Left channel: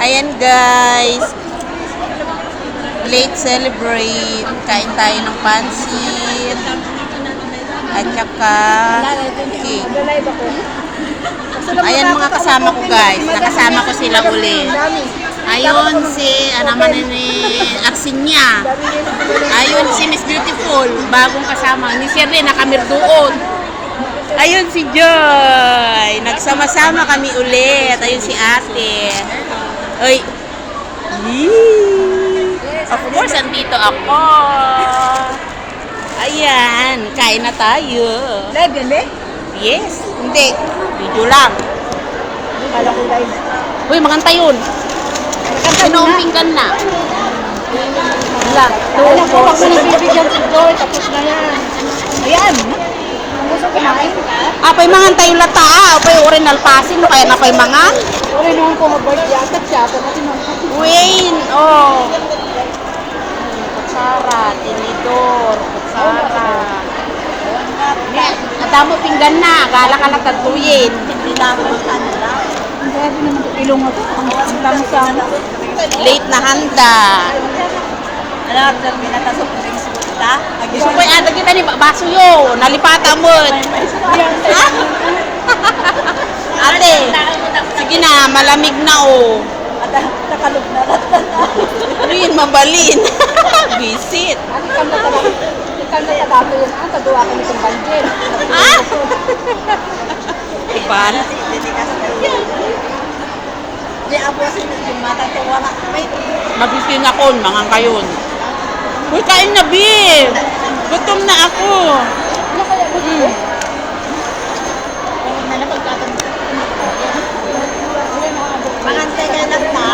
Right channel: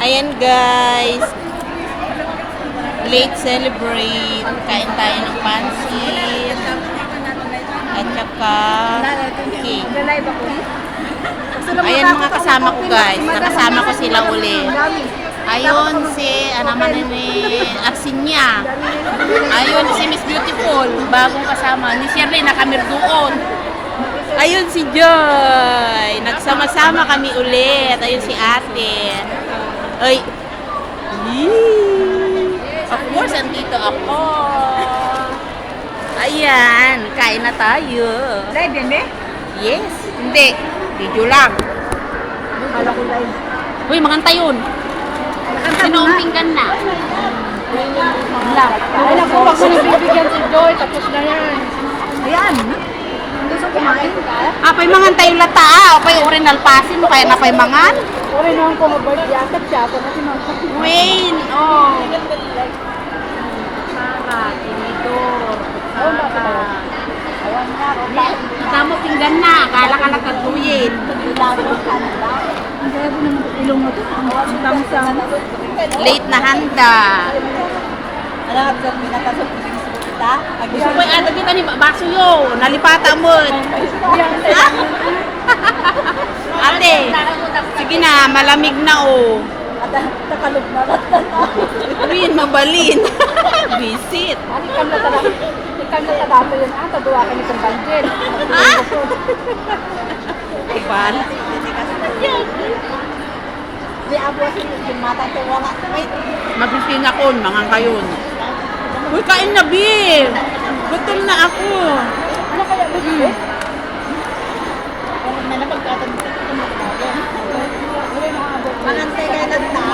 Ayan guys, late celebrate. Kain tayo ng pansit at saka cake. Ayan mga kasama ko guys, nakasama ko sila ulit. Ayun si, naman ni Arsinya. Ayun si Miss Beautiful, bagong kasama. Ni Shirley nakamir doon. Ayun si Joy, nagsama-sama kami ulit. Ayun si ate. Oy. Of course, andito ako. Ayan, kain na tayo. Live yan, be? Yes, hindi. Video lang. Kala ko live. Uy, maganda yun. Sinumpinggan na. Alam ko, wag mo nang bibigyan si Joy. Tapos na yan. Ayan. Gusto kumain ka? Apay mangan tayo lata. Apay original pasin. Kaya na pay mangan. Uri naman ko mag-birthday atat siya. Ito natin ang Wayne, oh. Kutsara, tinidor, kutsara. awan nga. Natamo pinggan na. Kala ka nagkaguyin. Ilagos ka nila. Ang dami naman ilong mo ito. Ang dami sa ano. Late na handa. Alam, sir, pinatasok ko yung suta. Gusto ko yung ada kita ni baso yo. Nalipata mo. Ate, sige na, malamig na oh. At nakalog na lang. Rin, mabalin. Visit. Ano kam na talaga? Ikam na talaga yun. Tagawa kami sa banjel. Iban. Di abuasin yung mata ito. Wala. May Mabisin ako, mga kayon. Uy, kain na, Bi. Gutom na ako. ano kaya mo dito? Mangantay ka lang ta.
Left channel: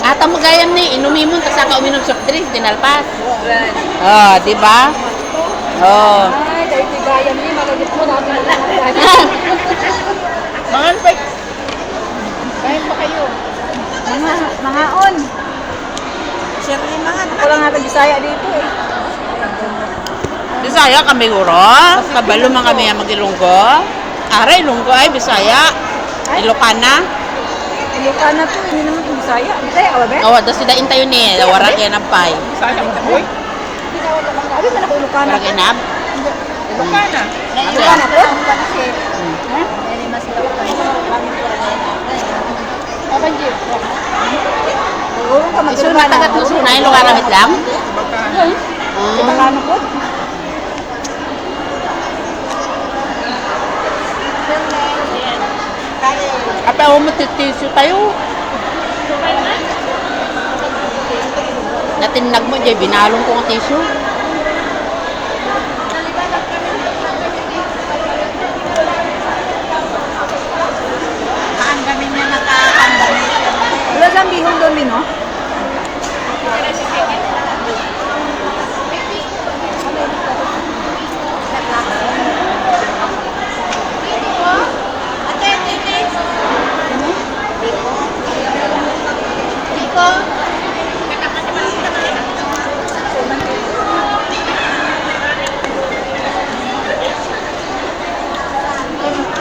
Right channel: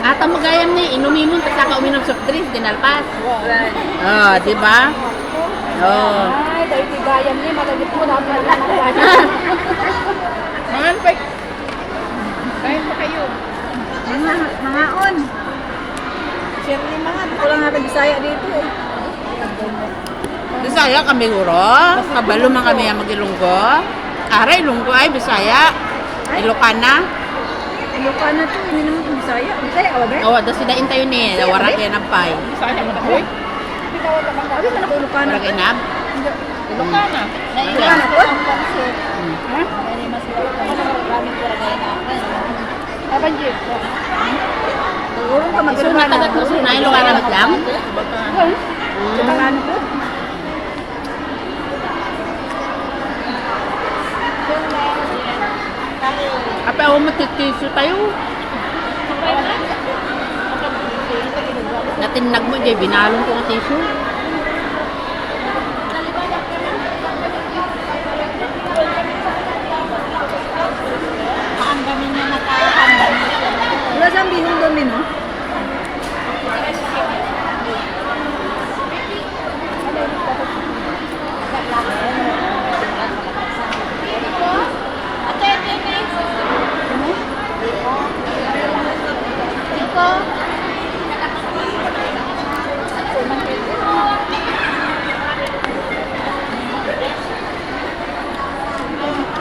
Ata mo gayam ni, inumimon ka saka uminom soft drinks, dinalpas. Ah, di ba? Oh. Ay, dahil tigayam niya, magagip mo namin na lang ang gani. Mangan pa. Kain pa kayo. Mga on. Shirley, mga wala nga tayo Bisaya dito eh. Bisaya kami guro. Kabalo man kami ang magilunggo. Aray, lunggo ay Bisaya. Ilocana. Ilocana to, hindi naman ito Bisaya. Bisaya, awa ba? Awa, das sida intayo ni, wara kaya ng pay. Bisaya mo boy? Hindi daw ito mga. Abi man ako Ilocana. Wara kaya na. Ilocana. Ilocana po? Ha? Mas Ilocana. Maraming pura kaya na. Aban, Jeep. Oo, ka Isun na tagat mo suna, Ilocana ba't lang? Ilocana po? Apa ako matitiso tayo? Natinag mo, Jay, binalong ko ang tissue. Kaanggamin niya nakakaanggamin. Wala siyang bihong doon, no?